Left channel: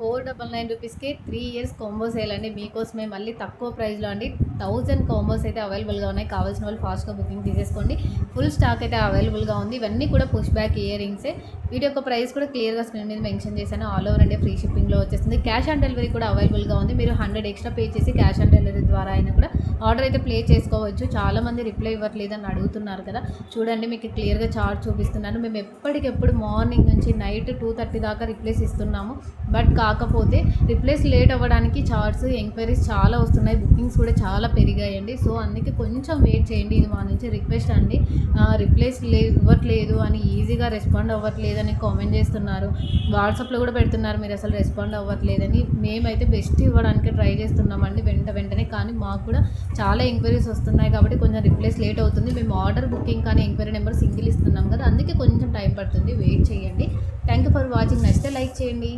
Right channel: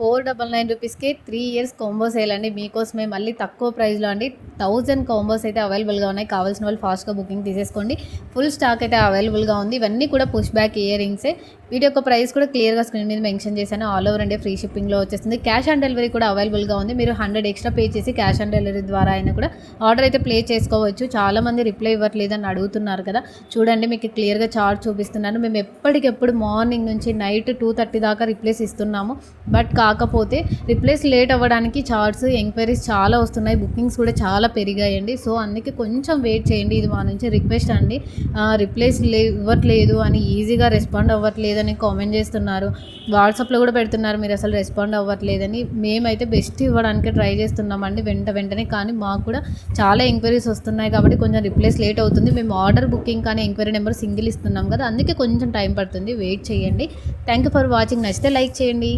499 రూపీస్‌కే 3 years combo sale అండి. మీకోసమే మళ్ళీ తక్కువ ప్రైస్‌లో అండి. 1000 కాంబోస్ అయితే అవైలబుల్‌గా ఉన్నాయి. కావాల్సిన వాళ్ళు ఫాస్ట్‌గా బుకింగ్ తీసేసుకోండి. ఫుల్ స్టాక్ అయితే అవైలబుల్‌గా ఉంది. ఇవన్నీ కూడా పుష్ బ్యాక్ ఇయర్ రింగ్సే. వీటి యొక్క ప్రైస్ కూడా క్లియర్‌గా స్క్రీన్ మీద మెన్షన్ చేశాను. ఆల్ ఓవర్ ఇండియా ఫ్రీ షిప్పింగ్‌లో వచ్చేస్తుంది. క్యాష్ ఆన్ డెలివరీ కూడా అవైలబుల్‌గా ఉంది. మీరు 100 ఎక్స్ట్రా పే చేసి క్యాష్ ఆన్ డెలివరీ ద్వారా అయినా కూడా ఆర్డర్ అయితే ప్లే చేసుకోవచ్చు. చాలామంది రిప్లై ఇవ్వట్లేదని అడుగుతున్నారు కదా. చూడండి, మీకు క్లియర్‌గా చార్ట్ చూపిస్తున్నాను. మేము ఎప్పటికెప్పుడు మార్నింగ్ నుంచి నైట్ 2:30 దాకా రిప్లైస్ ఇస్తున్నాము. బట్ కాకపోతే రిప్లేస్ లేట్ అవ్వడానికి చార్ట్స్ ఎంక్వైరీస్ చాలా వస్తున్నాయి. బుకింగ్స్ కూడా చాలా పెరిగాయండి. సో అందుకే కొంచెం వెయిట్ చేయండి. ఇది మా నుంచి రిక్వెస్ట్ అండి. రిప్లేస్ ఇవ్వట్లేదు అని, ఈజీగా రెస్పాండ్ అవ్వట్లేదని కామెంట్ చేస్తున్నారు. వాట్సాప్లో కూడా పెడుతున్నారు మీరు అసలు రెస్పాండ్ అవ్వట్లేదని. మేమైతే బెస్ట్ ఇవ్వడానికి ట్రై చేస్తున్నామండి వెంటనే. కానీ మాకు కూడా చాలా ఎంక్వైరీస్ వస్తున్నాయి కాబట్టి కొంచెం రిప్లేస్ లేట్ అవుతుంది. మేము ఆర్డర్ బుకింగ్ కానీ ఎంక్వైరీ నెంబర్ సింగిల్ ఇస్తున్నాం కదా, అందుకే కొంచెం టైం పడుతుంది. వెయిట్ చేయండి. Thank you for watching. నచ్చితే లైక్ చేయండి.